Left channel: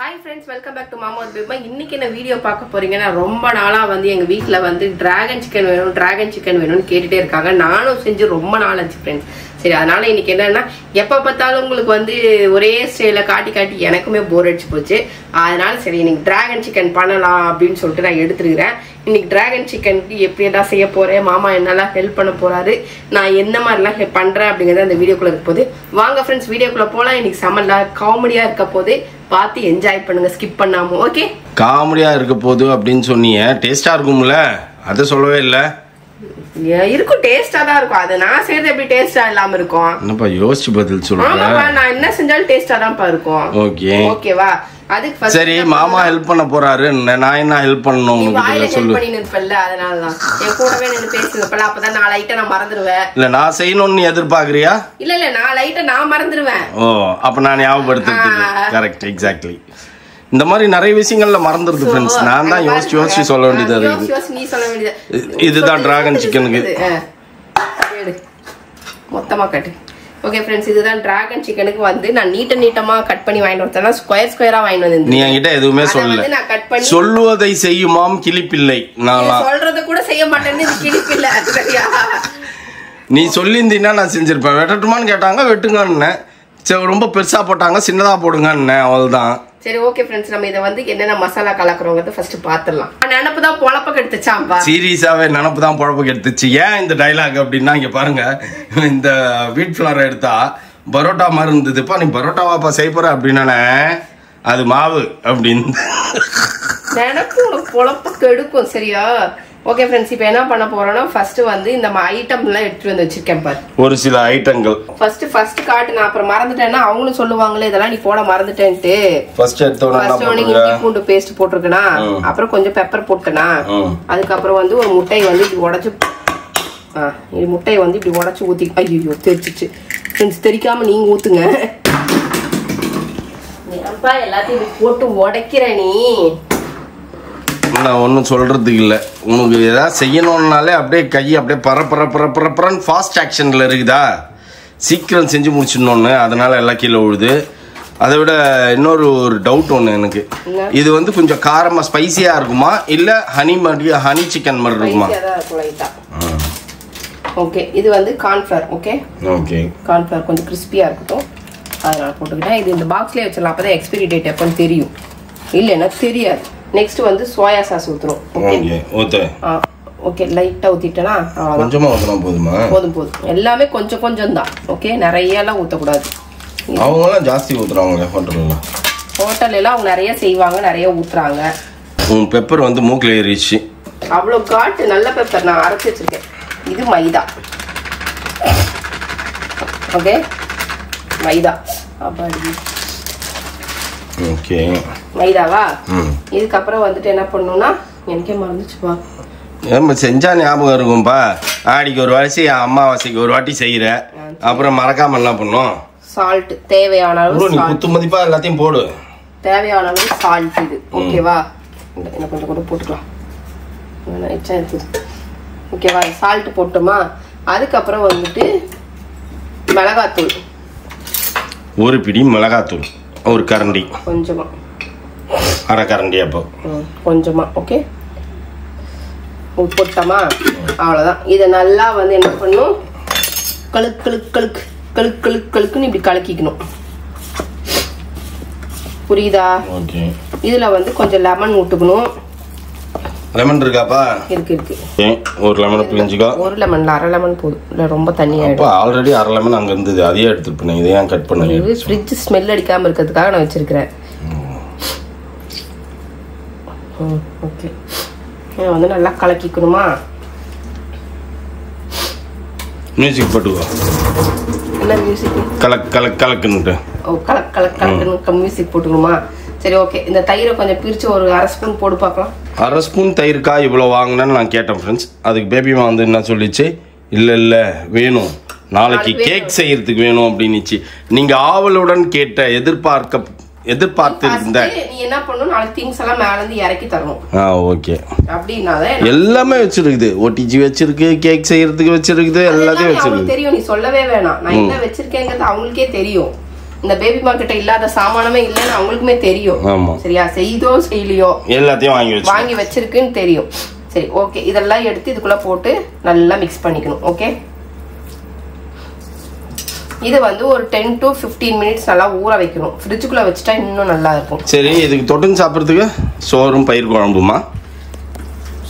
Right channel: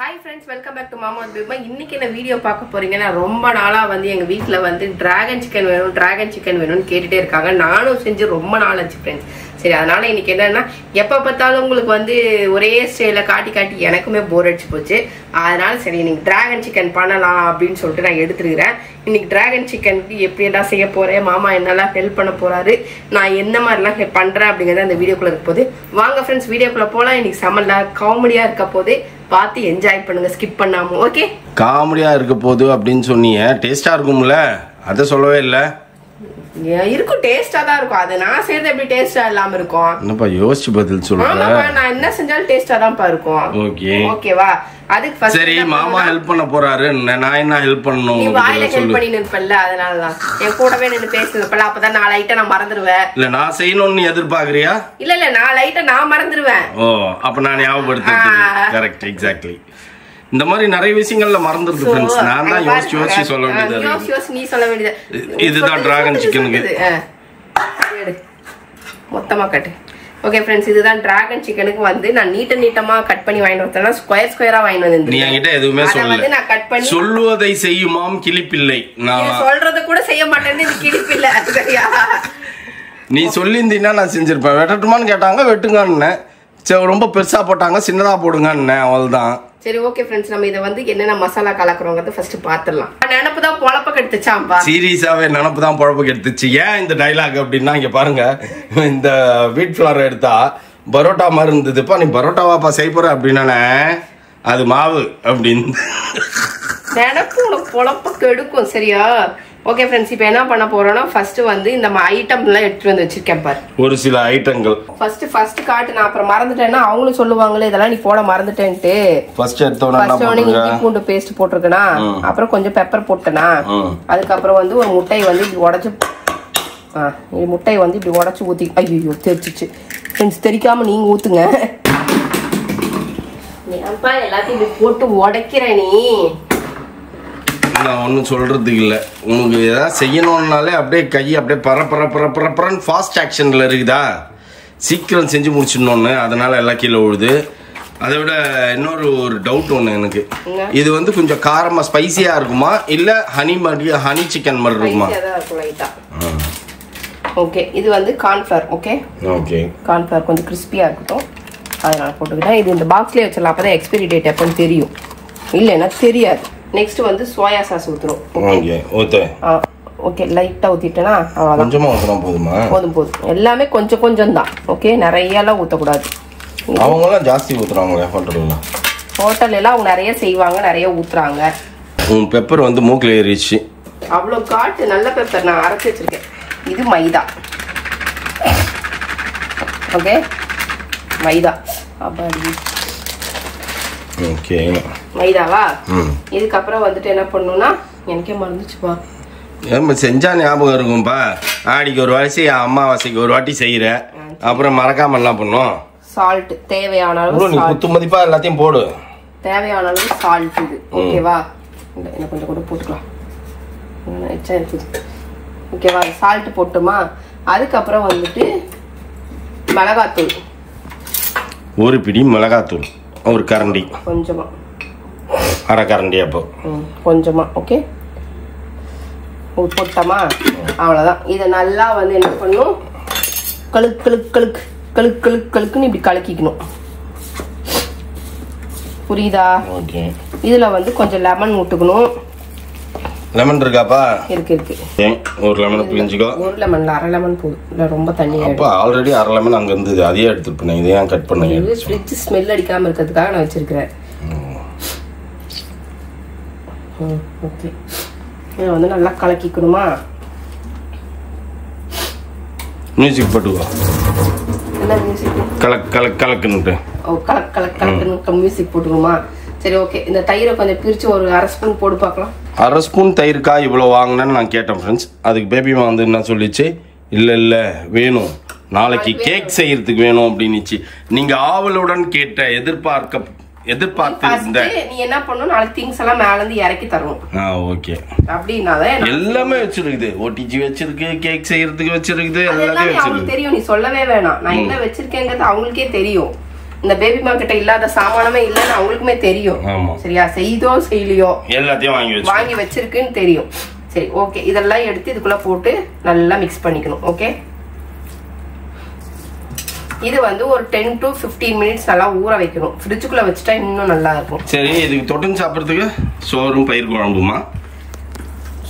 Hi friends, welcome back to Mama Bima. இன்னைக்கு என்ன video பார்க்க போறீங்கன்னா ரொம்ப நாளா வந்து எங்க வீட்ல வந்து டிராகன் சிக்கன் வேணும்னு கேட்டுட்டே இருக்காங்க. நானும் செஞ்சு ரொம்ப நாள் ஆச்சு फ्रेंड्स. சரி அதனால இன்னைக்கு என்னன்னா எப்ப பார்த்தாலும் உங்களுக்கு வந்து ஒரே ஸ்டைல காட்டி எனக்குமே போர் அடிச்சு போச்சு. அதனால சரி இன்னைக்கு டிராகன் சிக்கன் பண்ணலாம் அப்படின்னு சொல்லிட்டு நான் எடுத்துக்கிறேன். இன்னைக்கு டிராகன் சிக்கனுக்கு எப்படி எல்லாம் செய்ய போறேன், மாமா என்னெல்லாம் ஹெல்ப் பண்ண போறாரு, நான் என்ன மாதிரிலாம் ஹெல்ப் பண்றேன் அப்படிங்கறத அந்த வீடியோக்குள்ள இருக்க போது. வாங்க ஃப்ரெண்ட்ஸ் வீடியோக்குள்ள போலாம். இன்னைக்கு செம்ம காமெடியா இருக்க போது, பார்த்து என்ஜாய் பண்ணுங்க ஸ்கிப் பண்ணாம. ஓகே, காமெடியா இருக்க போது அப்படின்னு சொன்னீங்க, டேஸ்டா இருக்கும்ல, அத சொல்லவே இல்ல. இருக்கும், டேஸ்டா தான் இருக்கும். அது நான் செய்யறது எப்படி டேஸ்டா இல்லாம இருக்கும்? என்னப்பா யோசிச்சு பதில் சொல்றேன். நான் என்ன செஞ்சாலும் டேஸ்டா தான் இருக்கும். ஓகே ஓகேவா? அதுக்கு ஃபர்ஸ்ட் சரி, மாமா ஹெல்ப் பண்ண போறாரு, நான் என்ன ஹெல்ப் பண்ணனும்? நீ வாயில ஹெல்ப் பண்ணி நிப்பல்ல, அதனால தான் என் கூடவே நின்னு பேசுறப்பல, அப்பதான் நான் லைட்டா நான் மறந்துடுவேன். இல்ல நான் செய்யணும்னு எதிர்பார்க்கறியா? இல்ல நான் லைட்டா நான் மறந்துடுவேன். ஓ, அப்ப நான் ஞாபகப்படுத்துறது கரெக்ட், எக்ஸாக்ட்லி. இந்த மாதிரி நிறைய விஷயங்கள்ல மறந்துருது ஃப்ரெண்ட்ஸ். நான் தான் யோசிச்சு சொல்ல வேண்டியது இருக்கு. நீ சொல்ல வேண்டியது இதுதான் டிராகன் சிக்கனுக்கு. மொத்தமா கட்டு. ஓகே ஃப்ரெண்ட்ஸ், இதுதான் டிராகன் சிக்கனுக்கு வந்து நான் நீட்டமா கட் பண்ணி வாங்கிட்டு வரேன்னா ஸ்கொயரா வாங்கிட்டு வந்து. நீ என்கிட்ட எதுவுமே சொல்லல. நான் கட் பண்ணி சொல்லுவதை செய்யுமாம் கிளிப்பிள்ளை. நான் சொல்றத கூட செய்ய மாட்டேன்னு இது கிளிப்பில்லை. சரியா? நீ சொல்லியிருந்தீன்னா நான் செஞ்சிருப்பேன். வெட்டட்டுமான்னு கேட்டாங்க, வெட்டுங்கன்னு. சரி, ரொம்ப பெருசா போட்டாங்க, சின்னதா போடுங்கன்னு, அவ்வளவுதான். சரி ஓகே ஃப்ரெண்ட்ஸ், நம்ம இதை வந்து என்னென்ன மசாலா கலக்குறோங்கிறத ஃபர்ஸ்ட் பாத்துடலாம். நினப்பு தான் பொழப்ப கெடுத்துச்சாம்பா. சீரியஸாவே நினப்பு தான் பொழப்ப கெடுத்துச்சு. ஏன் இந்த டைலாக் அப்படின்னா, இங்க பாருங்க, இந்த வீட் ஃபிளார் எடுத்தா பரோட்டா மாதிரி இருந்ததுப்பா, நீ பரோட்டாவாப்பா செய்ய போற அப்படின்னா அது மாவு அப்படின்னு நினப்பு உனக்கு பொழப்ப கெடுக்கும். சரியா? ஓகே ஃப்ரெண்ட்ஸ், இப்போ என்ன பண்ண போறோம்னா ஃபர்ஸ்ட் வந்து இந்த ஐட்டம் எல்லாம் எடுத்துட்டு வந்து வச்சிருக்கேன் பாரு. ஒரு சில ஐட்டங்கள் ஃபர்ஸ்ட் காட்டு. நான் அப்புறம் மறந்துட்டேன்னா அவங்களும் சொல்லுவாங்களே இதெல்லாம் நீ போட மறந்துட்டேன்ட்டு. ஃபர்ஸ்ட் எடுத்தோம்னா என்ன போடுங்க? பூண்டு பேஸ்ட் போட்டுருக்கனா, அப்புறம் கொஞ்சம் பெப்பர் போட்டுக்கனா, அதுக்கப்புறம் வந்து ஒரு முட்டையை வந்து இப்படி உடைச்சு முட்டையை வந்து இப்படி உடைச்சு ஊத்தி. ஐயோ தெரிச்சிச்சு ஃப்ரெண்ட்ஸ், தெரிக்காம நீங்க ஊத்துங்க. ஏன்பா எல்லாத்தையும் இப்படி போட்டு உடைக்கிற நீ? நான் ஒன்றும் சொல்றதுக்கு இல்லை. உனக்கு ஏதாவது செய்யணும்னாலே அப்படியே கையை அப்படியே பரப்பரன்னு ஃபாஸ்ட் ஆக்ஷன்ல இருக்குதா, சீக்கிரம் செஞ்சு முடிச்சிடணும்னு, அதனால எல்லாம் கீழே விழுது. அதை விட இன்னொரு டவுட் ஒன்று எனக்கு, இது வந்து கொஞ்சம் காரமா ஸ்பைசியா இருக்குமா இல்ல ஹனி சிக்கன் மாதிரி இருக்குமா? ஓகே, இது வந்து கார்ன்ஃபிளவர். ஓகே ஓகே, கார்ன்ஃபிளவர் கொஞ்சம் கிறிஸ்பியா இருக்கட்டும், அதனால போட்டுக்கிட்டேன். இது இந்த பாக்ஸ்லயே வச்சிடலாம், அப்பதான் எக்ஸ்பைரி டேட் எப்பன்னு தெரியும். இல்லைன்னா தெரியாது. நெக்ஸ்ட் வந்து சோயா சாஸ் ஊத்துறோம். ஓகே ஊத்து. ஓகே லைட்டா ஊத்திட்டேனா, கொஞ்சமா ஊத்துனா போதுமா? போதும். எல்லாமே கொஞ்சம் தான். ஓகே, நிறைய எல்லாம் ஊத்தக்கூடாது. அவங்க எல்லாம் ஜாஸ்தி ஊத்துறாங்க ஹோட்டல்ல எல்லாம் அவங்க நிறைய செய்வாங்க, நிறைய ஊத்துறாங்க. பெப்பர் வந்து மூக்குல ஏறிச்சு. அவ்வளவு காட்டு நல்ல பெப்பர் நான் அரைச்சு வச்சிருக்கேன். இது மைதா. ஓகே, மைதா. அப்படி ஓகே, மைதாவா? இதுக்கப்புறம் வந்துட்டு என்ன பண்ணணும்னா, எனக்கே மறந்துச்சுப்பா. செஞ்சா ஞாபகம் இருக்கும்பா. ஆடிக்கு ஒரு வாசி, அம்மாவாசைக்கு ஒரு வாட்டி செய்யற, அப்புறம் மறக்காம எல்லாம் பண்ணும். சால்ட் தேவையான அளவு. நீ குத்து மதிப்பா எல்லாத்தையும் போடு. தேவையான அளவு சால்ட் இது. ஓகேவா? என்ன கொஞ்சம் கூட போட்டுக்கலாம். ஓகேவா? சால்ட் போட்டுமா. அதுக்கப்புறம் வந்துட்டு மிளகாத்தூள், ஒரு பிடி மிளகாத்தூள், ஒரு கரண்டி, கொஞ்சமா, அரை கரண்டி, அப்போ கொஞ்சமா. ஓகே, போட்டோமா, அவ்வளவுதான். இதை நல்லா வந்து என்ன பண்ணும், கழுக்குன்னு இப்படி கலக்கிக்கணும். புரியுதா? ஓகே. இதுல வந்து கொஞ்சம் லெமன் விட்டுக்கணும். லெமன் இருக்காப்பா? இருக்கு. ஒரு லெமன் பிழிஞ்சுக்கோ. ஒரு லெமன், அரை லெமன் போதும். இல்ல ரொம்ப தண்ணி ஆயிடும். ஆல்ரெடி அரை லெமன் அங்க இருந்தது, அதையே எடுத்துட்டு போனேன். இதை ஏன் கட் பண்ணி? ஃப்ரிட்ஜ் ஸ்மெல் அடிக்காம இருக்கிறதுக்காக நான் வச்சிருக்கிறேன். ஓகே, இதை வந்து நல்லா கலக்கிக்கணுமா. மியூசிக் போட்டுக்கோ. என்ன மியூசிக்? கலக்குன்னுட்டு. ஓ, கலக்குன்னு மியூசிக் போட்டுக்கணுமா? சரி ஓகே, இந்த தயிரை கொஞ்சம் பிரிச்சு ஒரு அரை ஸ்பூன் போட்டு பார்க்கலாம். அரை ஸ்பூன் தயிர்க்கா இவ்வளோ வாங்கினேன்னு நான் கேட்டேன் ஃப்ரெண்ட்ஸ். அதுக்கு பேபிமா வந்து என்ன சொல்லிச்சு, இல்லை வேணும், நாளைக்கு கேக் செய்யறதுக்கு வேணும் அப்படின்னுச்சு. நீங்க ஆவலுடன் கேட்ட எதிர்பார்த்து இருந்த நீ என்ன பண்ணணும், நாளைக்கு திங்ஸ் எல்லாம் மேல இருந்து இறக்கி தரணும். ஓகே, அப்படின்னாதான் எல்லாமே வச்சிருக்குது. ஒட்டிச்சு வச்சிருக்கு, கேக் செய்யறதுக்கு வச்சிருக்குது, எல்லாத்தையும் வச்சிருக்கு. தெரியும், நீ சொல்லவே வேணாம். நான் என்ன வச்சிருக்கேங்கிறது அவங்களுக்கே தெரியும். இந்த பேபி மார்க்கெட்ட இல்லாத சாமானமே இல்லன்னு அவங்களுக்குமே தெரியும். ஆமா. சரியா? செய்தோ செய்யலையோ எல்லாத்தையும் வாங்கி வச்சிருக்குன்னு தெரியும். சரி, ஓகே. இதெல்லாம் எடுத்து இதுக்குள்ள போட்டு நல்லா மிக்ஸ் பண்ணிக்கணும். ஓகே, இது வந்து ஒரு 10 to 15 மினிட்ஸ் நல்லா ஊற வைக்கணும். ஃப்ரிட்ஜுக்குள்ள வச்சுட்டா இன்னும் நல்லா இருக்கும். சரி, இதுக்கு தொட்டுன்னு சாப்பிட்றதுக்கு சோறும் பயிர் குழம்புமா?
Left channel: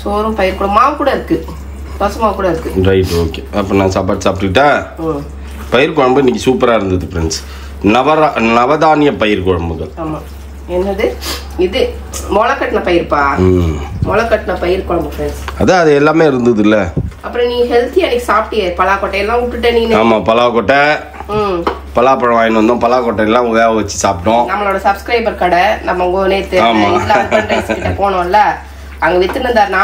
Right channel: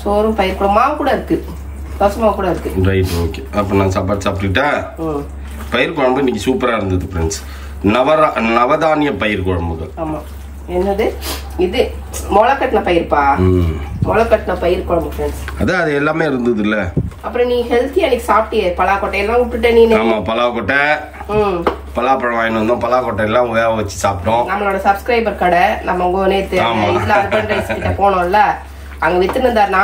சோறும் பயிர் குழம்பு, மாவு கூட இருக்கு, தோசை மாவு கூட இருக்கு. Right, okay. அப்போ நான் சாப்பாடு சாப்பிட்டுட்டா. பயிர் குழம்பு இன்னைக்கு சூப்பரா இருந்தது ஃப்ரெண்ட்ஸ். நவதானிய பயிர் குழம்புகள். ஆமா. என்னது இது? முளைக்கட்டின பயிர்ப்பா. முளைக்கட்டின பயிர் குழம்பு ஃப்ரெண்ட்ஸ். அதான் அது எல்லாமே இருந்தது இல்ல. அப்புறம் நீ ஹெல்த்தி அன்னைக்கு சாப்பிட்டியே, பலாக்கொட்டை எல்லாம் விட்டுட்ட நீ. ஆமா, பலாக்கொட்டை, பலாப்பழம் வாங்கிட்டு வந்தோம், பலாக்கொட்டை எல்லாம் வேக வச்சு சாப்பிட்டோம். நம்மளோட சப்ஸ்கிரைபர் கடை நம்ம நேத்து இதுல அர்பன் ரைஸ் கிட்ட போனோம்ல, அங்க வித்துன்னு இருந்தாரு.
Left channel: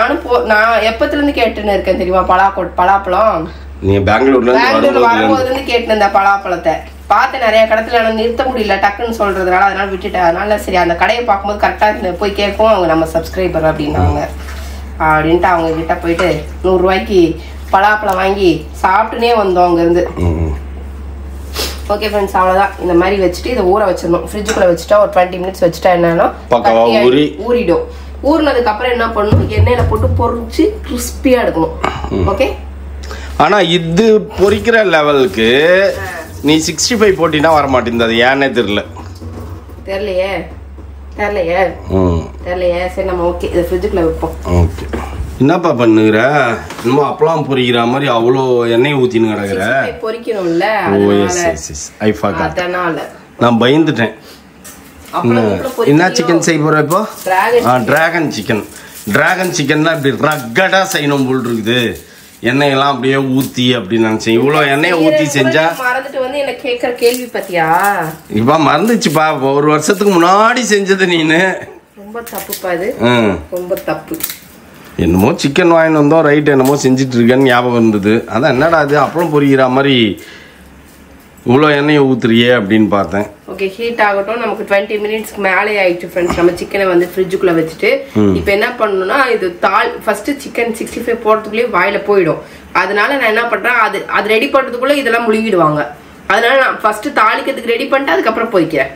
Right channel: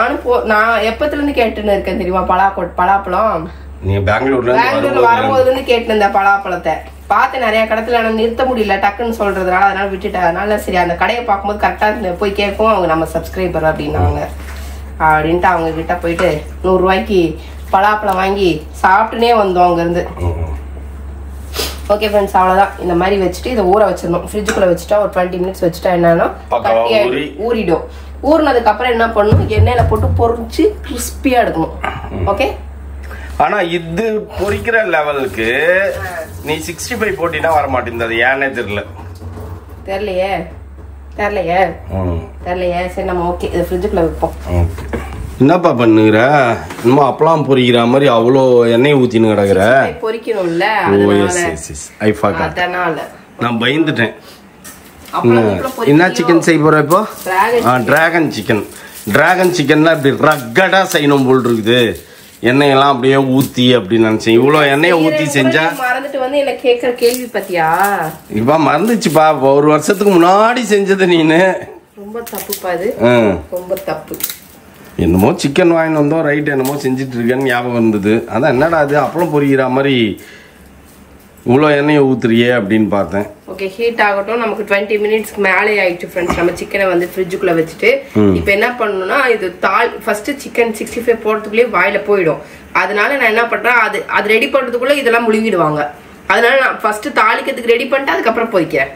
நான் எப்பத்துல இருந்து கேட்டுன்னு இருக்கேன் தெரியுமா பலாப்பழம். நீ பெங்களூர்ல வரும்போதுல இருந்து கேட்டு இருந்த பலாப்பழத்தை பார்த்து நிறைய கடத்துல ஆனா நிறுத்த முடியல டக்குன்னு சொல்றதுனால, அதனால விட்டுட்டேன். அதனால சரி, அந்த கடையை பார்க்கும்போது கரெக்டா போய் கேட்கும், அவங்க நம்ம சப்ஸ்கிரைபர் அப்படின்னாங்க. அப்படின்ட்டு அவங்க கிட்ட போயிட்டு 100 ரூபாய்க்கு பலாப்பழம் வாங்கி சாப்பிட்டுனே வந்தோம் அங்க இருந்து. ஓகே ஃப்ரெண்ட்ஸ், அவ்வளவுதான். இந்த மாதிரி வச்சுட்டு இதை ஊற வச்சிடணும். ஃப்ரிட்ஜுக்குள்ள வச்சுட்டா ஒரு 20 மினிட்ஸ் வச்சுட்டா என்னன்னா ஊறிடும். ஊறினதுக்கு அப்புறம் என்ன பண்ணணும், எண்ணெயில போட்டு பொரிச்சு கிறிஸ்பியா எடுக்கணும். ஓகே. ஆனா இது பொரிக்கிற லெவலுக்கு நீ 65 போட்டினா வர மாட்டேங்குது. ஏன்னே தெரியலையே. சரி, நம்ம ஓகே இதை ஃப்ரிட்ஜுக்குள்ள வைப்போம். ஓகே. என்னப்பா பண்ணுகிற? இன்னும் அப்பளம் பொரிக்கிற மாதிரி அவ்வளோ எண்ணெய் ஊத்தின்னு கிடக்குற. பொரிக்கணும்ல, அதனால நான் பயந்துட்டேன். என்ன சிக்கன் செய்ய போற இப்போ? Dragon chicken. டிராகன் சிக்கன்னா இப்படி ரக்கடா செய்யணும் போல் இருக்குது. எண்ணெயெல்லாம் அப்படியே ஊத்தி அப்படின்னு நினைச்சேன். இவ்வளவு எண்ணெயை ஊத்தி செஞ்சா மறந்துட்டு வந்து என்ன கேக்குற கேள்வி பத்தியா? இப்ப மறந்துச்சுப்பா. 1 வருஷத்துக்கு முன்னாடி செஞ்சது நீனு. ரொம்ப தப்புப்பா இது. ரொம்ப தப்பு. என்னமோ சிக்கன் வாங்கிட்டு வந்தோம், ரைட், என்னமோ செஞ்சுட்டு இருக்கேன்னு ஞாபகம் இருந்தது. அதான் என்னடா அது அப்பளம் பொரிக்கிற மாதிரி இவ்வளோ எண்ணெயை ஊத்துறியே அப்படின்னு பார்த்தேன். ஓகே, ஹீட் ஆகட்டும். நமக்கு 20 மினிட்ஸ்க்கு மேலே ஆயிடுச்சு ஃப்ரெண்ட்ஸ். நம்ம சிக்கனை வந்து ஃப்ரிட்ஜுக்குள்ள வச்சுட்டு இப்போ என்ன பண்ணணும்னா, இது ஃபர்ஸ்ட் சிக்கன் 65 போடுறதுக்குள்ளேயே வாயில போயிடும். அதனால நான் என்ன பண்றேன், அது ரெடி பண்றதுக்குள்ள இதெல்லாம் முழுகிடுவாங்க. அதனால நான் ஃபர்ஸ்ட் தாளிக்கிறதுக்கு ரெடி பண்ணிட்டு அதுக்கப்புறம் பொரிக்கிறேன்.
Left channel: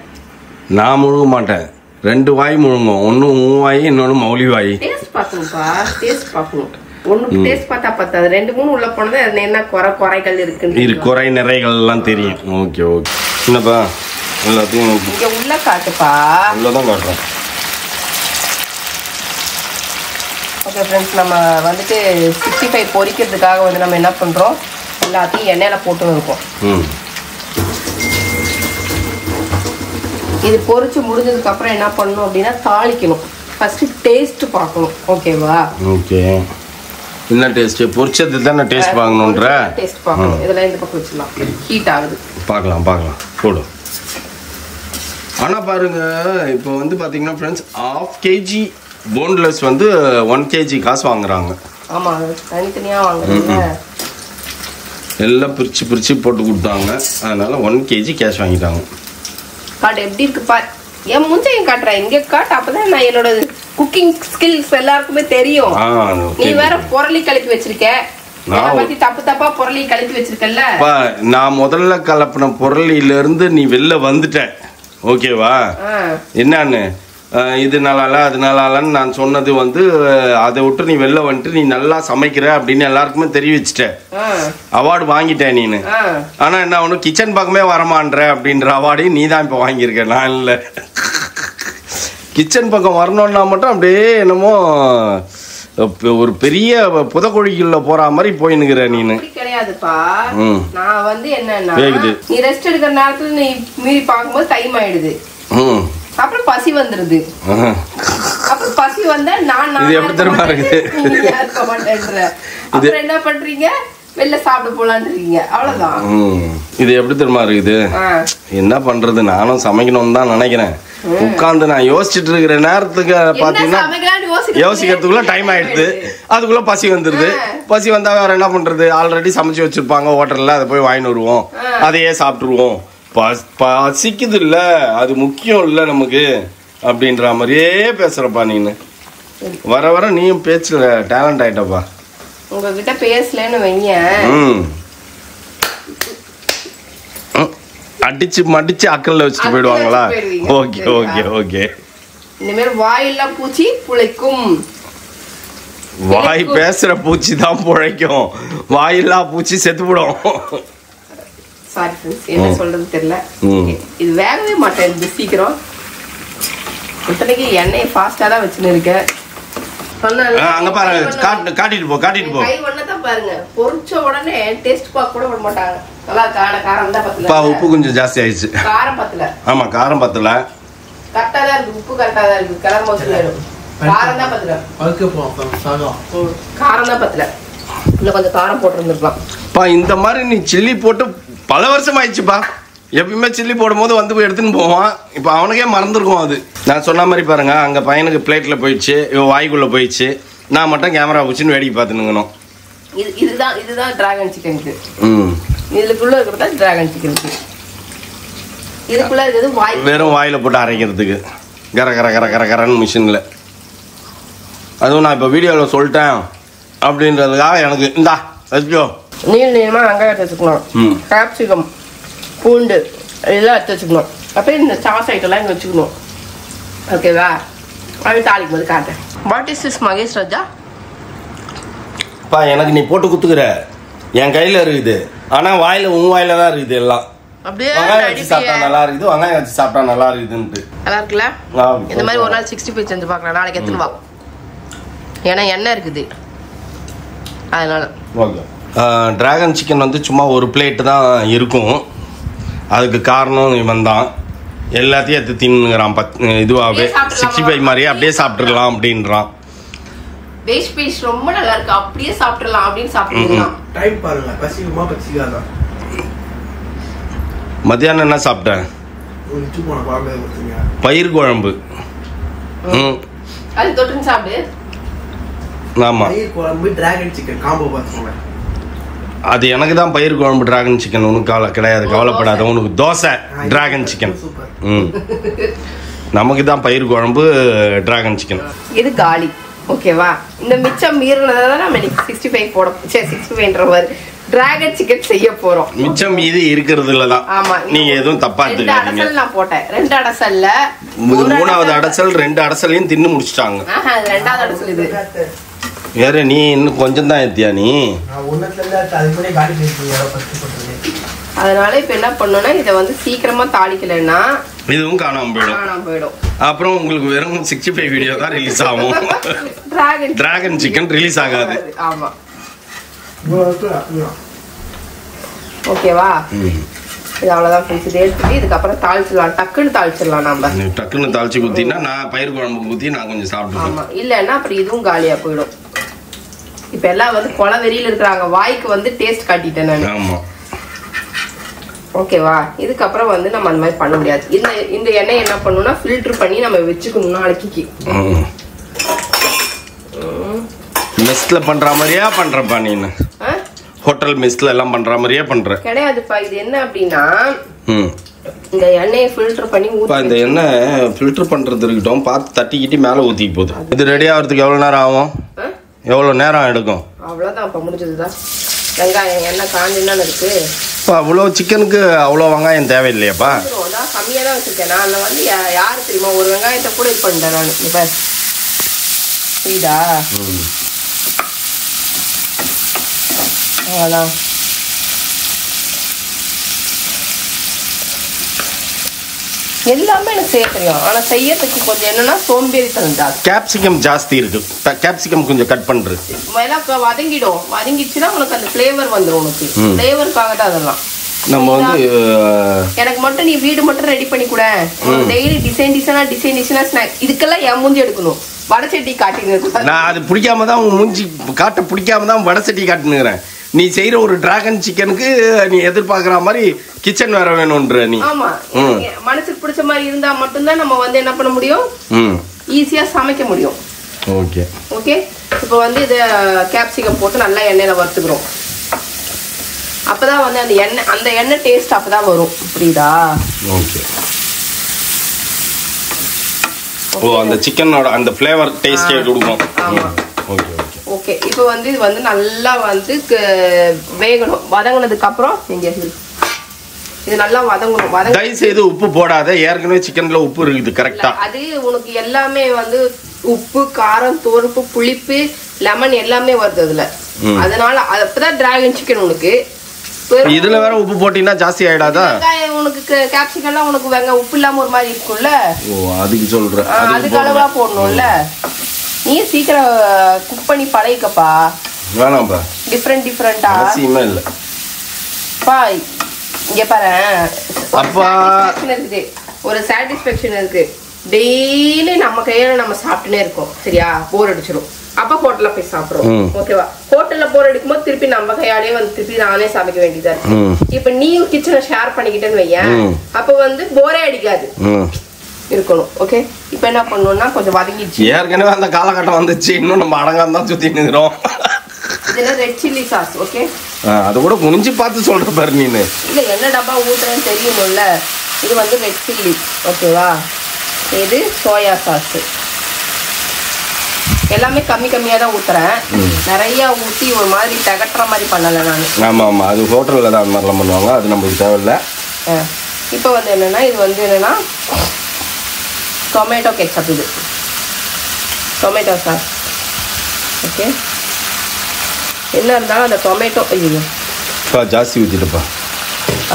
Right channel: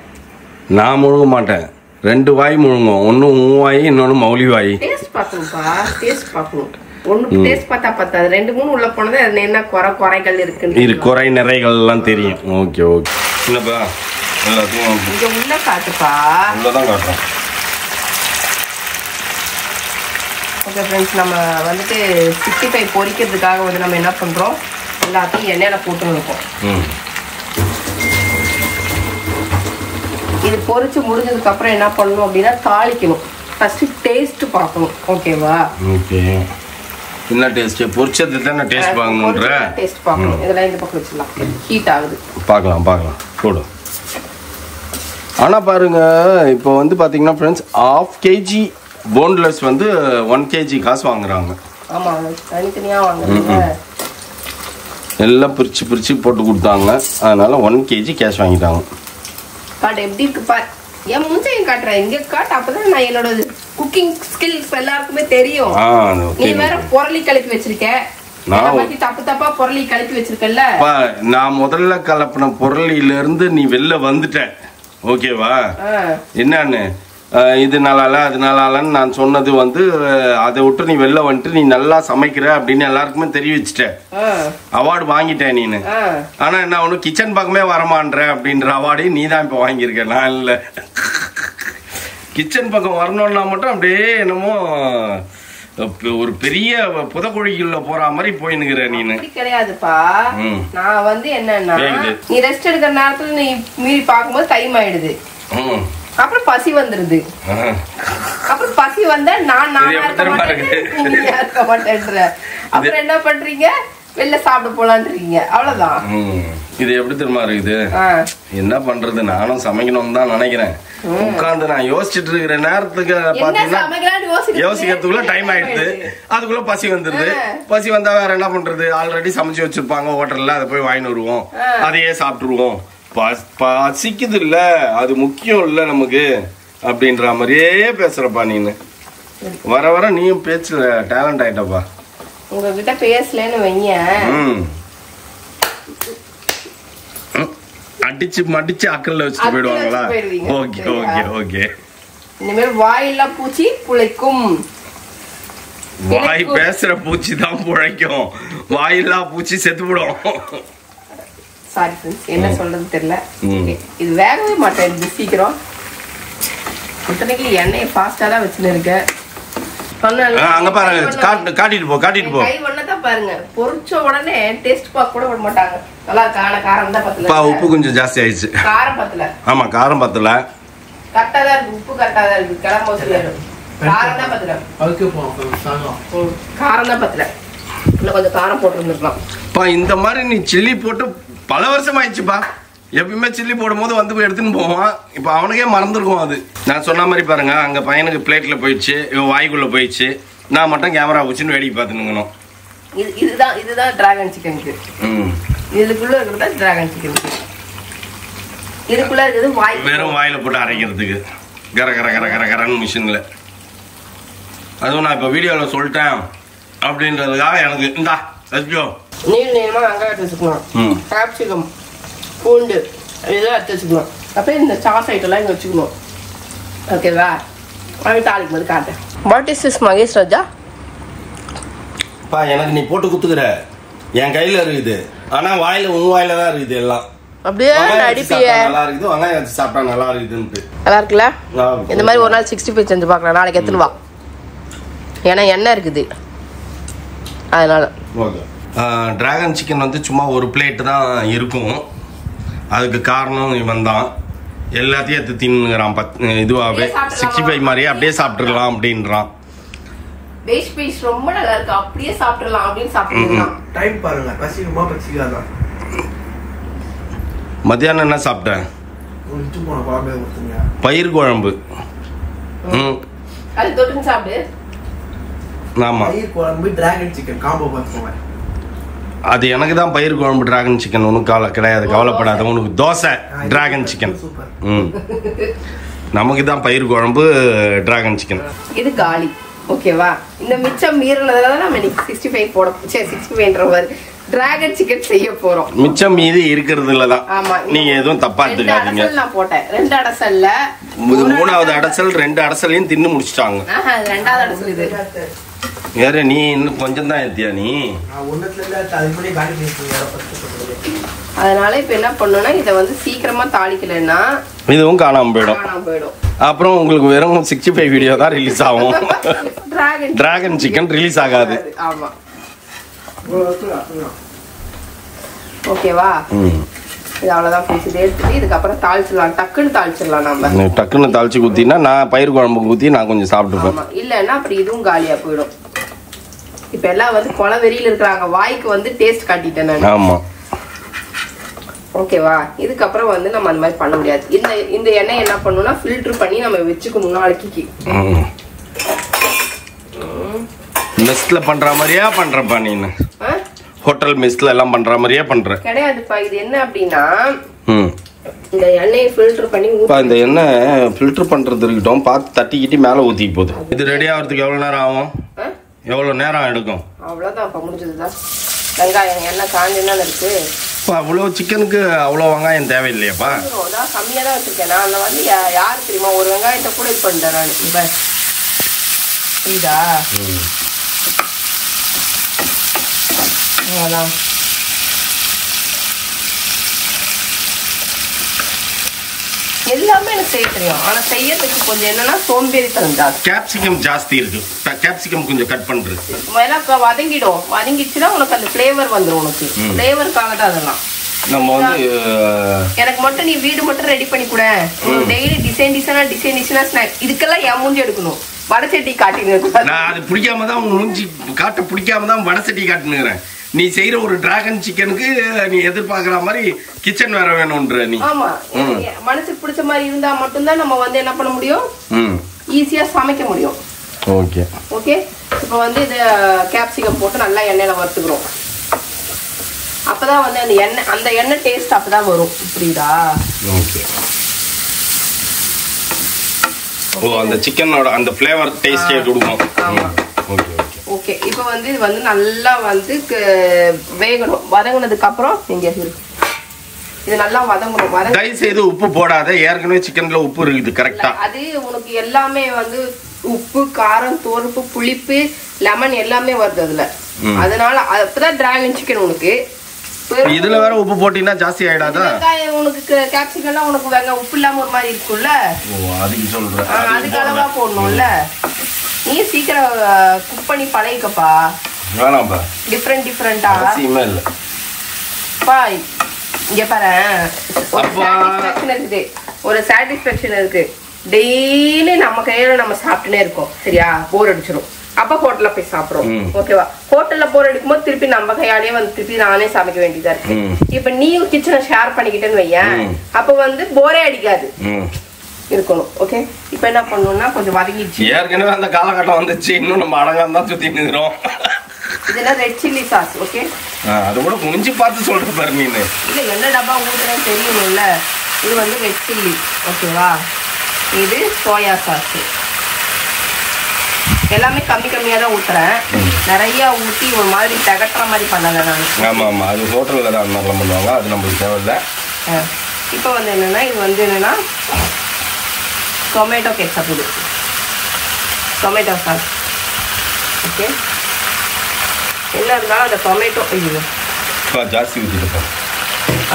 நான் முழுங்க மாட்டேன், 2 வாய் முழுங்கும். ஒன்னு உன் வாய், இன்னொன்னு மௌலி வாய். டேஸ்ட் பார்க்கணும்ப்பா, டேஸ்ட் பார்க்கணும். ஒண்ணு டேஸ்ட் பார்த்தா பத்தாது, 2 3 உள்ள போனது என்ன குறைகள் இருக்கு, குறை நிறைகள் எல்லாம் தெரியும். Okay okay. என்னப்பா எல்லாத்தையும் உள்ள காட்டுப்பா. உள்ளதான் காட்டுறோம். ஓகே ஃப்ரெண்ட்ஸ், நம்ம வந்துட்டு 65 பொரிக்கிறதுக்காக வந்து நம்ம என்ன பண்றோம், எல்லாத்தையும் எண்ணெயில போட்டு இருக்கோம். இது பொரிச்சு முடிஞ்சதுக்கு அப்புறம் என்ன பண்ணணும் அப்படின்னா தாளிக்கணும். ஃபர்ஸ்ட் டேஸ்ட் பார்க்கணும். ஓகேவா? ஓகே. என்ன டேஸ்ட்? பொரிச்சது தானே டேஸ்ட் பார்க்கணும்ன்ற. டேஸ்ட் பார்க்கணும். இதெல்லாம் இந்த பக்கம் வச்சிடலாம், ஹீட் ஆகுது. பார்க்கலாம் போடு. ஆனா பாருங்க, இப்போ வந்து பாத்தீங்கன்னா ஃப்ரெண்ட்ஸ், 1/2 kg போன்லெஸ் வந்து 1 kg காசு வாங்குறாங்க. ஆமா, தனித்தனியா வாங்குறாங்க. எல்லாம் பிரிச்சு போட்டு கொடுத்தாங்க. அதனால 1 kg கேஷ் வாங்கிட்டாங்க. காட்டு எப்படி இருக்கு பாரு. என் மூஞ்சையும் காட்டுறேன், இங்க காட்டு. அப்பதான் நான் என்னோட குக்கிங் ஸ்கில்ஸ் எல்லாருக்குமே தெரியும். நீ வேற பொருளி கலக்கி வச்சிருக்க. தப்பா பொருளி கலக்கி வச்சிருக்கல. நான் முதல்ல கலப்பின பொருளில இருந்து நீ வெளில வந்துட்ட. ஓகேவா? என்னன்னு இது நல்லால அது நல்லாலன்னு நான் சொன்னது வந்து, அதை விட்டு நீ வெளில வந்துட்டு நீ நல்லா சமைக்கிற அப்படின்னு எல்லாருக்குமே தெரிவிச்சுட்ட. அவார்டு வாங்கிட்ட நீனு. ஆனா என்ன ஒண்ணு, கிச்சன் பக்கமே வரமான்ற அப்படின்ற அவார்டையும் நீ தான் இப்ப வாங்கியிருக்க, நான் இல்ல. கிச்சன் பக்கம் வரணும்னா மட்டும் அப்படியே என்னமோ ஒரு பெரிய புதக்குழிக்குள்ள போற மாதிரி போயினுக்கிற நீனு. கிடையாதுப்பா. நான் வந்து என்னன்னா, நீ ரெஸ்ட் எடுக்கிற நேரத்துல நீ மீறி பார்க்கும்போது டைம் ஆயிடுது. அப்புறம் பசி வந்துருது. அப்புறம் பசி வந்தா நான் இருக்க மாட்டேன்ற. அப்புறம் என்ன பண்றீங்க, வெளில சாப்பிட போலான்றீங்க. அவ்வளவுதான். இது எப்படி தெரியுமா இருக்குது? என்ன பண்றது, நானும் சமைக்கணும்னு தான் நினைக்கிறேன். உட்காந்து நான் யோசிச்சுட்டு இருக்கிற நேரத்துக்கு பாத்தீங்கன்னா யோசிக்கிறதுக்குள்ள டைம் ஆயிடுது. அதுக்குள்ள பசி வந்துருது. பசி வந்தா வேற என்ன பண்றது, ஆல்ரெடி சமைச்சு வச்சிருப்பாங்க ஹோட்டல்ல, அதை போய் வாங்கிட்டு வருவோம், அதையே சாப்பிட்டுருவோம். பசிக்குது இல்ல, அது முக்கியம் இல்ல நமக்கு அப்படின்ற மாதிரியே பேசுறப்பா நீனு. வர வர நீயும் பேச்சுல டேலண்ட் ஆயிட்டப்பா. உங்ககிட்ட பேசலன்னு வைங்க, அடிச்சு மடிச்சு அக்கல்ல வச்சுட்டு போயிடுவாங்களா? Okay okay okay. இனிமேல் வாயில்லா பூச்சி புழைக்கும். வாய் பேசுற பூச்சி தான் புழைக்கும், வாயில்லா பூச்சி செத்துவிடும். சாரி ஃப்ரெண்ட்ஸ், என்ன சொல்றது தெரியல. இது வேகவே மாட்டேன் இது சீக்கிரம். இத்தனைக்கு எண்ணெயை ஃபாஸ்டா தான் வச்சுன்னு இருக்கேன். அங்க பாருங்க, காட்டிட்டு போ காட்டிட்டு போ. கை ஒண்ணதான் பாருங்க, பொரிச்ச உடனே டேஸ்ட் பாக்க கூட விட மாட்டாங்க. நல்லா காரம் தான் பத்தல. உப்பு கொஞ்சம் ஜாஸ்தி ஆயிடுச்சு. காரம் பத்தல. ஆமா காரம் பத்தல. கரெக்டா தான் இருக்கு, உப்பு கரெக்டா தான் இருக்கு. கிளம்ப மோசம் காரம் தான் பத்தல. காரம் தான் பத்தல. இன்னும் கொஞ்சம் காரம் போட்டுருந்துருக்கலாம். இந்த மாதிரி நீ சில்லி போட்டு பல வருஷம் ஆயிடுச்சுப்பா. எப்பயுமே சில்லி போடும் போது வந்து போய் எடுத்துன்னு போவான். இப்ப அவனுக்கே மறந்துருக்கும் அது. நான் சொன்ன மாதிரி பாருங்க, அங்க பையனுக்கு பிளேட்ல போயிடுச்சு, இவன் வாய்க்குள்ள போயிடுச்சு. நான் மட்டும் கேமரா வச்சுன்னு வேடிக்கை பார்த்துனுங்கணும். இதுதான் டிராகன் சிக்கனுக்கு. இதுக்குள்ள இருக்கிறது டிராகன் சிக்கனுக்கு. இதுக்குள்ள இருக்கிறது வாய், வெறும் வாயில போட்டு அரைக்கிறதுக்கு கர கர கர கர கரன்னு மிஷின்ல. அதுவும் நான் இப்ப வீடியோல சொல்லிட்டேன் அப்படின்றதுக்காக எனக்கு இந்தா வச்சுக்கோ. நீளமா வெங்காயத்தை வச்சுக்கணும், கேப்சிகம், பூண்டு இதெல்லாம் எடுத்து வச்சுக்கணும். அப்புறம் இந்த சாஸ் ஐட்டம்லாம் இங்கே வச்சுக்கணும். ஓகேவா? அது தாளிக்கும் போது காட்டேன். வாட் இஸ் திஸ் மகேஷ் ராஜா? எனக்கு நீ போட்டு குத்துக்கிற, என் கையில இருக்குது. ஆனா வாயில உன் வாயில தான் இருக்குது எல்லாம். அப்படியே நல்லா இருக்குது, வெங்காயம் வச்சு சாப்பிட்டா நல்லா இருக்குதுன்ட்டு. நல்லா இருக்குல்ல? இந்த மாதிரி ஒரு நாள் 65 செஞ்சு பார்க்கலாம். நாளைக்கு எடுத்துன்னு வா, ஏன்னா எண்ணெய் இருக்குது அதனால. ஓகே. டிராகன் சிக்கன் வந்து சும்மா ஒரு பிளேட் தான் இருக்கும். அதுக்கு காரணம் இவன் தான். எல்லாத்தையும் எடுத்து தின்னுங்கிறான். இதுவாகவே 65 மாதிரியே அப்படியே சாப்பிட்டுடலாம் அப்படின்றான். வேஸ்ட் பீஸ் ரொம்ப நல்லா இருக்கு, அப்படியே சாப்பிடலாம் அப்படின்னு சாப்பிடலாம். டைம் பாருங்க, பசிக்குமா பசிக்காதா? மத்தியானம் என்ன சாப்பிட்டேன்? பயிர் குழம்பு. அது தொட்டு சாப்பிடு. ஆமா, பயிர் குழம்பு டிராகன் சிக்கன் காம்போ பார்த்துக்கோங்க. அது எனக்கு தான் பயிர் குழம்பு டிராகன் சிக்கன். உனக்கு கிடையாது, கவலைப்படாத. உனக்கு தோசை டிராகன் சிக்கன். நமக்கு தான் பயிர் குழம்பு டிராகன் சிக்கன். இது காலி. ஓகேவா? இந்த மிச்சம் மீறினதால நம்ம 65 போட 65 டிராகன் சிக்கன் செய்ய போறோம். மிச்சம் மீதி இருக்கிறதுல தான். ஆமா, நீங்க எதுவும் தப்பா எடுத்துக்காதீங்க. நான் போட்டேன் 2 அடசல்ல. 3வது அடசல் 2 அடசலையும் தின்னு முடிச்சிட்டாங்க. 2வது அடசல் இது. வேற நீ இன்னும் கொஞ்சம் தான் ஏத்தியா நீ? அதனால இப்ப என்ன பண்ணோம்னா, இத வந்து சீக்கிரமா தாளிக்கலன்னா இதுவும் காணாம போயிடும். அப்புறம் உங்களுக்கு வெறும் 65 வீடியோ தான் ரிலீஸ் ஆகும். டிராகன் சிக்கன் ரிலீஸ் ஆகாது. ஆமா, ஓகேவா? இது அவ்வளவுதான் ஃப்ரெண்ட்ஸ். இதை எடுத்துட்டு இதுக்கப்புறம் தாளிச்சிடலாம். டக்குன்னு தாளிச்சிடலாம். நம்ம டக்குன்னு தாளிச்சு ஊத்தினா நான் பயிர் குழம்பு ஊத்தி நான் கொஞ்சம் சாப்பிட்டுப்பேன். இல்லன்னா அப்புறம் இதுவும் காலியா போயிடும். இப்ப எல்லாம் வந்து கொலை வெறியில இருக்கிறாங்க, வாய்க்கு வந்து டேஸ்ட் காட்டிட்டேன் நான். ஆமா, ஓகேவா? இதுக்கப்புறம் வந்து நம்ம அந்த மாதிரி பண்ண முடியாது. இந்த எண்ணெய் என்ன பண்ணணும்னா ஃபில்டர் பண்ணி நம்ம வச்சுக்கணும் நாளைக்கு. மெஸ்ல பண்ற மாதிரியா பண்றப்பா நீ? ஹோட்டல் மெஸ்ல எல்லாம் பண்ற மாதிரியே பண்ற? கிடையாதுப்பா. இது என்ன அப்படின்னா, இந்த எண்ணெயை ஃபில்டர் பண்ணி இந்த எண்ணெய் ஃபில்டர் பண்றது இருக்கட்டும், பார்த்து தட்டிக்கிட்டு மேல ஊத்தி போகுது. இது ரெடி ஆகிறதுக்கு எவ்வளவு நேரம் ஆகும்? எவ்வளவு நேரம் எடுக்கும்? அவ்வளவுதான், இப்ப முடிஞ்சதுதான். வெங்காயம் எண்ணெய் காஞ்சினா இருக்கு. அவ்வளவு சிக்கனுக்கு அவ்வளவு வெங்காயம் தேவையில்லையாப்பா? கம்மியா தான் வச்சிருக்கேன். நான் வந்து யாரு தெரியுமா, ஒரு வெங்காயத்தை கூட இது பண்ணிட்டேன் நான். இப்ப இதா எல்லாமே எனக்கு செய்ய தெரியும். ஆனா செய்யறதுக்கு கொஞ்சம் என்னன்னா சோம்பேறித்தனம் ஜாஸ்தி. கேப்சிகம் ஜாஸ்தி இருக்கு. கேப்சிகம் கொஞ்சம் கட் பண்றது வதங்கிடும். வதங்கிச்சுன்னா உனக்கு அந்த பிளேவர் வந்துடும். உனக்கு பிளேவருக்காக தான் அதெல்லாம். நம்ம வந்து எனக்கு மட்டும் நீ வீடு மட்டும் ரெடி பண்ணி கூட, டெய்லி டிசைனா ஸ்நாக்ஸ். இதுக்கெல்லாம் என் மூஞ்சி எடுக்கணும். வடசட்டி காட்டின்னு நான் அது பிடிக்காம தான் உங்க மூஞ்சி காட்ட பிடிக்காம தான் வடசட்டி காட்டினுக்கிறேன். நீ செய்யற ஒரு டிராகன் சிக்கனுக்கு நீ எதிர்பார்க்கிற மாதிரி கிச்சன் வேற வேணும்ன்ற நீ. ஆமா, மனசுக்கு பிடிச்ச மாதிரி இருந்தா மட்டும்தான் நம்ம வந்து என்ன பண்ண முடியும், ஈஸியா சமைக்க முடியும். Okay okay. இப்ப வந்து இது கேப்சிகம் போட்டு நல்லா எண்ணெயில வறுத்துக்கிறோம். அப்பதான் வந்து அந்த எண்ணெய் டேஸ்ட் அப்பதான் வரும். புரியுதா? ஓகே. ஓ, அந்த சிக்கனோட அந்த ஃப்ளேவர் டேஸ்டே கொடுக்கும். Okay okay okay. இப்போ வந்து இது வந்து நல்லா வந்து வேகணும். வதங்கினதுக்கு அப்புறம் நீங்க இது நல்லா வதங்கணும். தயவு செய்து உப்பு போடாத, ஏற்கனவே சிக்கன்ல உப்பு இருக்குது கரெக்டா. அது உனக்கு எல்லாமே வந்து உப்பு, காரம், துவர்ப்பு, புளிப்பு, லெமன் எல்லாமே வருது அதுல. அதனால அப்பதான் டிராகன் சிக்கன் உனக்கு. இதுல வேற உப்பு போட்டீங்கன்னா ஜாஸ்தி ஆயிடாதா? உனக்கு கேப்சிகம் எல்லாம் உனக்கு உப்பு இல்லாம ஒரு மாதிரி இருக்கும்ல. அதுக்கு சொல்றேன், அதுக்கு அளவா போடணும்ல. நீ சீக்கிரம் குக் பண்ணி பழகிக்கப்பா. வேணாம்பா, டிஃபரெண்டா அவசியமே இல்ல பா. இங்க பாரு, ஒரு சாட்டிஸ்பேக்ஷன் இருக்கு. டெய்லி நம்ம கையால நம்ம சாப்பிட்டுனே இருக்கோம், சரியா? போர் அடிச்சிடும். அப்ப ஹோட்டல்ல போய் சாப்பிடுறோம், ஓகேவா? ஹோட்டல்ல போர் அடிக்கும் போது திருப்பி நம்ம கையாலேயே வந்து திருப்பி நானே சமைக்க வேண்டியதா இருக்கு. இப்ப நீயும் கிச்சனை ஷேர் பண்ணிக்கிட்டேன்னு வையேன், அப்ப வந்து போரே அடிக்காது இருக்கணும். ஓகே, இப்ப என்ன பண்ணணும்னா கொஞ்சம் வதங்கிடுச்சு. ஏற்கனவே அந்த காலகட்டம் வந்துச்சு, இன்னும் நம்ம அடங்காம தான் சுத்தி நிக்கிறோம். இதெல்லாம் ரெட் சில்லி சாஸ். ஓகே, அது கூட குனிஞ்சு பார்த்து சொல்ற பாரு நீனு. இல்ல என்ன டப்பா ஊத்துன்னு தெரியுமில்ல. இது வந்து ரெட் சில்லி, ஓகேவா? இது சோயா சாஸ். எல்லாமே கம்மி கம்மியா தான் ஊத்துறேன், நிறைய ஊத்தி ஒரு மாதிரி தகட்டுற மாதிரி பண்ணல நான். ஆமா ஆமா, அது ஹோட்டல்ல தான் மாதிரிலாம் பண்ணுவாங்க, அது நமக்கு தேவையில்லை. இப்போ வந்து என்னன்னா, இது வந்து என்னன்னா டொமேட்டோ கெச்சப். இது டொமேட்டோ சாஸ். ஓகே, என்ன இருந்தாலும் அந்த டொமேட்டோ ஜாஸ்தி ஊற்றிட்டுப்பா.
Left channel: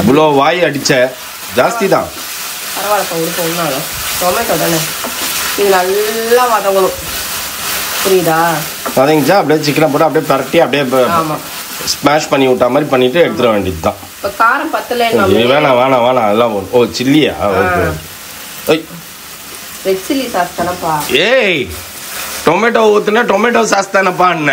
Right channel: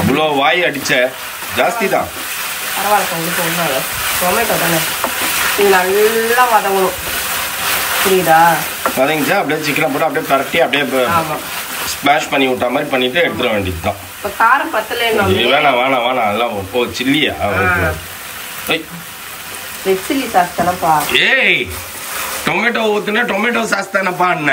அவ்வளோ வாய் அடிச்ச ஜாஸ்தி தான். பரவாயில்ல, உங்களுக்கு ஒன்றும் டொமேட்டோ தானே. இது நல்லா வதங்கணும், புரியுதா? வதங்கிச்சா அப்படியே சிக்கனை போட்டு அப்படியே பரட்டி அப்படியே ஸ்மாஷ் பண்ணி விட்டா மாதிரி பண்ணிட்டு எடுத்துட வேண்டியது தான். இப்போ காரம் பத்தலை. வேணாம் வேணாம் வேணாம், அதெல்லாம் ஓ சில்லியா? ரெட் சில்லி சாஸ் தானப்பா. ஏய், டொமேட்டோ ஊத்துனா டொமேட்டோ சாஸ் தானப்பா என்ன?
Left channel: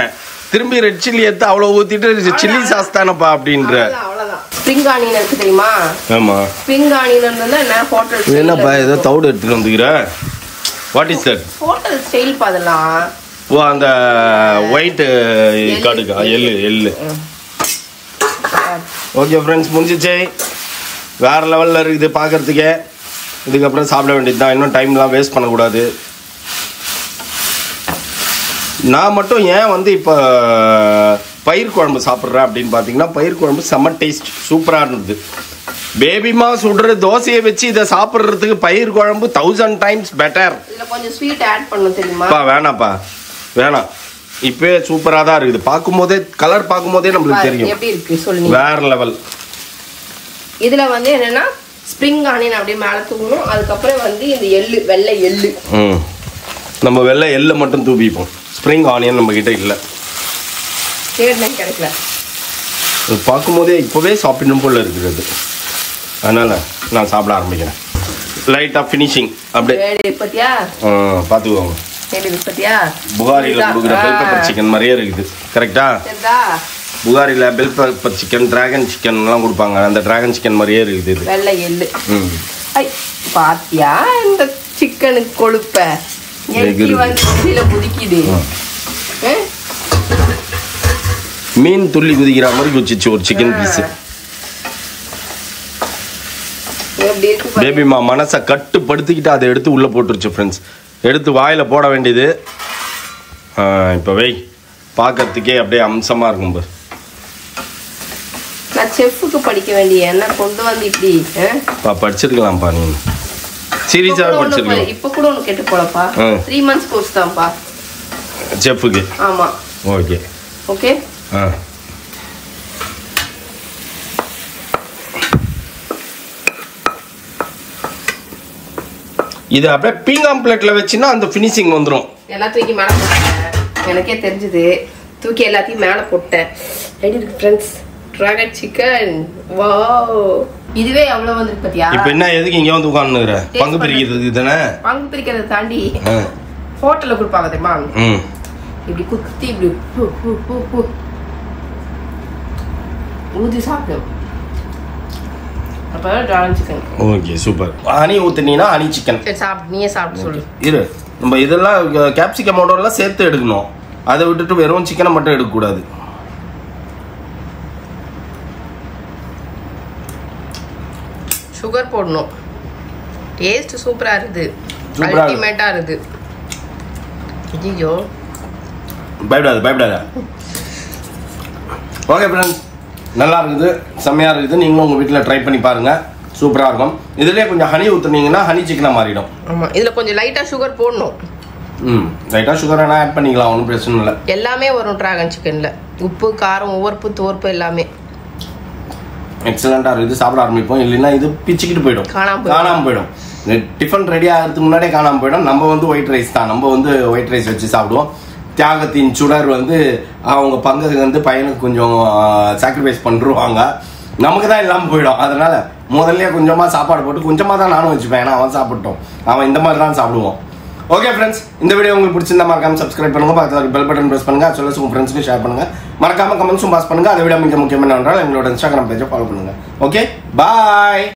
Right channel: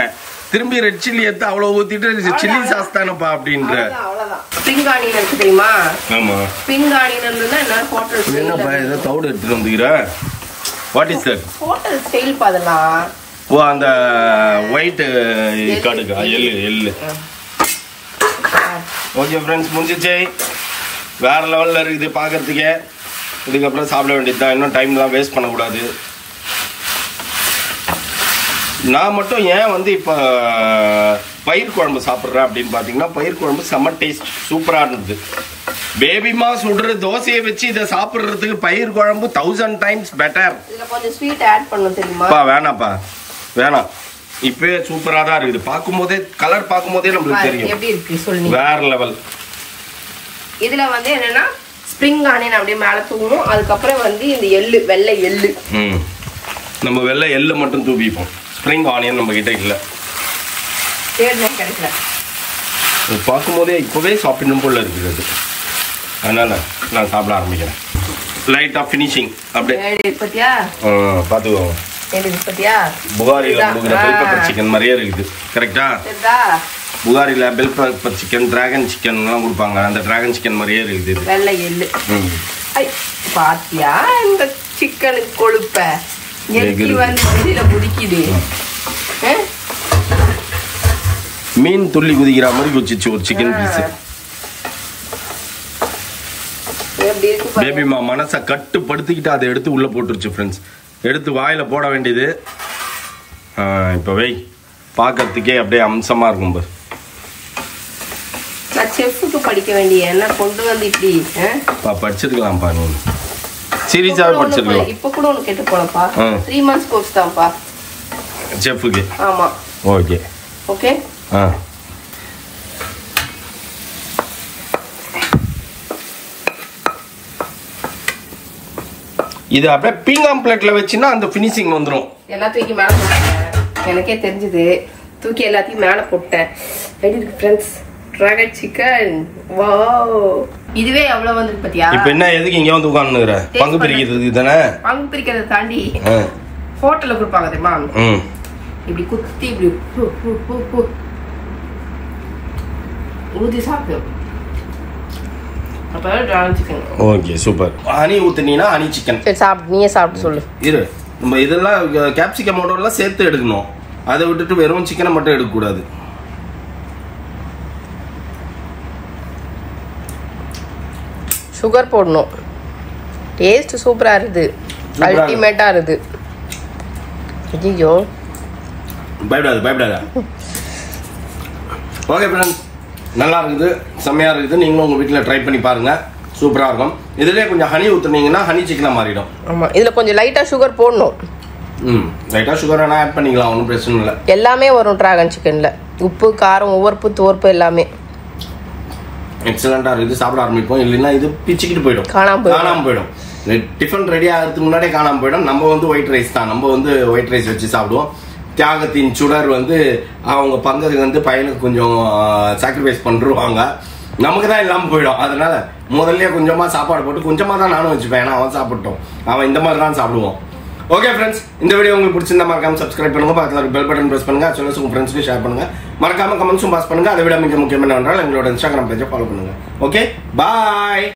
திரும்பி ரெட் சில்லி எடுத்து அவ்வளவு ஊத்திட்டு சில்லி சாஸ் தானப்பா அப்படின்ற. அவ்வளவுதான். ஸ்ப்ரிங் ஆனியன் இருக்கு தெரியுமா? ஆமா, ஸ்ப்ரிங் ஆனியன் இருந்தா என்ன ஹோட்டல் என்னப்பா ஏதோ தவிடு எடுத்துட்டு வந்துக்கிற? What is that? Hotel style அதெல்லாம். ஓ, அந்த ஒயிட் கடுகா, எள்ளு. ஓகே ஃப்ரெண்ட்ஸ், முடிஞ்சிச்சு. வேற லெவல்ல இருக்குது பாக்குறதுக்கே. இதுக்கப்புறம் சாப்பிட வேண்டியது தான். இன்னும் டைம்லாம் வேஸ்ட் பண்ணக்கூடாது. நான் மட்டும் ஏன் வந்து இப்போ பயிர் குழம்பு சாப்பிட்றேன் அப்படின்னு பார்த்தீங்கன்னா, பயிர் குழம்பு செம்ம டேஸ்ட், சூப்பராக இருந்தது. பேபிமா சுடுற தோசையை வச்சு இதை சாப்பிட்றதுக்கு பயிர் குழம்பு 1000 times பெட்டர். கொஞ்சம் ஸ்வீட் ஆட் பண்ணணும் தெரியுமா? வேணாப்பா, வேணாம். இப்பவே சூப்பராக தான் இருக்குது. பார்க்கும்போதே, கலர் பார்க்கும்போதே நம்மளுக்கு தெரியும் எப்படி இருக்கு சொல்லுங்க. வேற லெவல். இதுல வந்து என்னன்னா ஸ்ப்ரிங் ஆனியன் அப்படியே மேல தூங்கணும். அதுக்கப்புறம் வந்து இந்த எள்ளு, வெள்ளை எள்ளு. நம்ம வெள்ளை எள்ளு மட்டும் தூவிப்போம். ஸ்ப்ரிங் ஆனியன் நம்ம கிட்ட இல்ல, கிடைக்கல. பார்க்கும்போதே இப்பவே சாப்பிடணும் போல இருக்கிறது. அதனால நான் சாப்பிட ஆரம்பிக்கிறேன். லைட்டா ஃபினிஷிங் அப்படியே பாத்துக்கோங்க. புகாரில கொடுக்குற பெல் பெப்பர் சிக்கன் மாதிரியே இருக்குது. கரெக்டா? புகாரில bell pepper chicken, dragon chicken எல்லாம் கொடுப்பாங்க. அந்த டிராகன் சிக்கன் மாதிரியே இருக்குது. வெள்ளை எள்ளு பாத்தியா? இந்த சிக்கனுக்கு கொழுப்ப மீன் துள்ளி குதிக்கிற மாதிரி குச்சிச்சு ஒரு சிக்கன் பீஸ். பேபிமா மனசை கட்டுப்படுத்திக்கிட்டு அதை எடுத்து உள்ள போட்டுருச்சு ஃப்ரெண்ட்ஸ். எடுத்து வாயில போட வேண்டியது. இப்ப வை, பார்க்கறதுக்கே அப்படியே அம்சமா இருக்கும் பாரு. செஃப்க்கு படிக்க வேண்டிய என்ன கொண்டு வந்து இப்படி படிச்சிருக்கலாம்ப்பா. நீ சீரியஸாவே படிச்சிருக்கலாம். இப்ப கூட ஒன்னு கேட்டு போலப்பா. 3 months கோர்ஸ் தான்ப்பா செஃப்க்கு. ஆமா, ஓகே ஓகே. இது அப்படியே பீங்காம் பிளேட்ல வச்சினா அந்த ஃபினிஷிங் வந்துரும். எல்லாத்தையும் மேல போட்டேன், எனக்கே தெரிஞ்சது. தூக்கி எல்லாத்தையும் மேல போட்டேன். ரெடி இருக்கு ஃப்ரெண்ட்ஸ், டிராகன் சிக்கன். வாவ், இதுவே எவ்வளவு வந்திருக்கு பாத்தியா? இப்போ என்ன எதுக்கு இங்க வந்து உட்கார்ந்துற? பங்கு பிரிக்கிறதுக்கு தானே? பங்கு பிரிக்கிறத தாண்டி ஹோட்டல்ல கொடுப்பாங்க தெரியுமா? இப்படி குத்தி இப்படி ஊதி சாப்பிடும். அப்ப dragon chicken. Okay, super. Honey ஊத்துனீனா ஹனி சிக்கன். சரி, சாப்பிடு, நீயே சாப்பிட்டு சொல்லு. இரு, நம்ம இதெல்லாம் கேப்சிகம் எல்லாம் சேர்த்து எடுக்கணும். அதை விட்டுட்டு வெறும் சிக்கனை மட்டும் எடுக்க கூடாது. சுகர் போடணும். டேஸ்ட் சூப்பரா இருக்குது, அல்டிமேட்டா இருக்குது. ஐயோ, பயப்படாத. ஓகே ஃப்ரெண்ட்ஸ், நல்லா இருக்குது, செம்மையா இருக்குது. நீங்களும் உங்க வீட்டில் ட்ரை பண்ணி பாருங்க, சூப்பரா இருக்கும். இதுலயே கொஞ்சம் ஹனி ஊத்துனீங்கன்னா ஹனி சிக்கனா மாறிடும். ஆமா, இதுல கொஞ்சம் லைட்டா சுகர் போடணும். லைட்டா சுகர் வேணா ஆட் பண்ணிக்கலாம், ஒன்றும் பிரச்சனை இல்லை. எல்லாமே வரும் டிராகன் சிக்கன்ல, உப்பு காரம் உவர்ப்பு துவர்ப்பு எல்லாமே எக்ஸலண்டா இருக்குது. சாப்பிட ஆரம்பிப்போம், இல்லைன்னா இது பிச்சுக்கிட்டு போயிடும், காணாம போயிடும். டிஃபன் ரெடி ஆகிறதுக்கு முன்னாடியே காணாம போயிடும். நம்ம வந்து ஒயிட் ரைஸ் தான், நம்ம வந்து ஒயிட் ரைஸ் வச்சு சாப்பிடுவோம். தியாகத்தின் சுடர் வந்து அவங்க பங்கத்துக்கு வந்து பையனுக்கு கொஞ்சம் சாக்ரிஃபைஸ் பண்ணிருவாங்க, நமக்கு தான் இல்லாமல் போயிடும். அதனால முதல்ல கொஞ்சமா சாப்பாடு போட்டு கொஞ்சமா தான் நானும் வச்சுப்பேன், ஏன்னா அவன் சாப்பிட்டோம், அவன் இந்த மாதிரி தான் சாப்பிடுவோம். ஓகே ஃப்ரெண்ட்ஸ், இந்த வீடியோ உங்களுக்கு பிடிச்சிருந்தா மறக்காம சப்ஸ்கிரைப் பண்ணுங்க, பக்கத்துல பெல் பட்டன் பிரஸ் பண்ணுங்க, சொல்ல உங்க ஃப்ரெண்ட்ஸ்க்கு ஷேர் பண்ணுங்க, மறக்காம கமெண்ட்ஸும் பாஸ் பண்ணுங்க. அதை விட மிக முக்கியமான எங்களோட இன்ஸ்டாகிராம் பேஜை ஃபாலோ பண்ணுங்க. ஓகே, பாய்.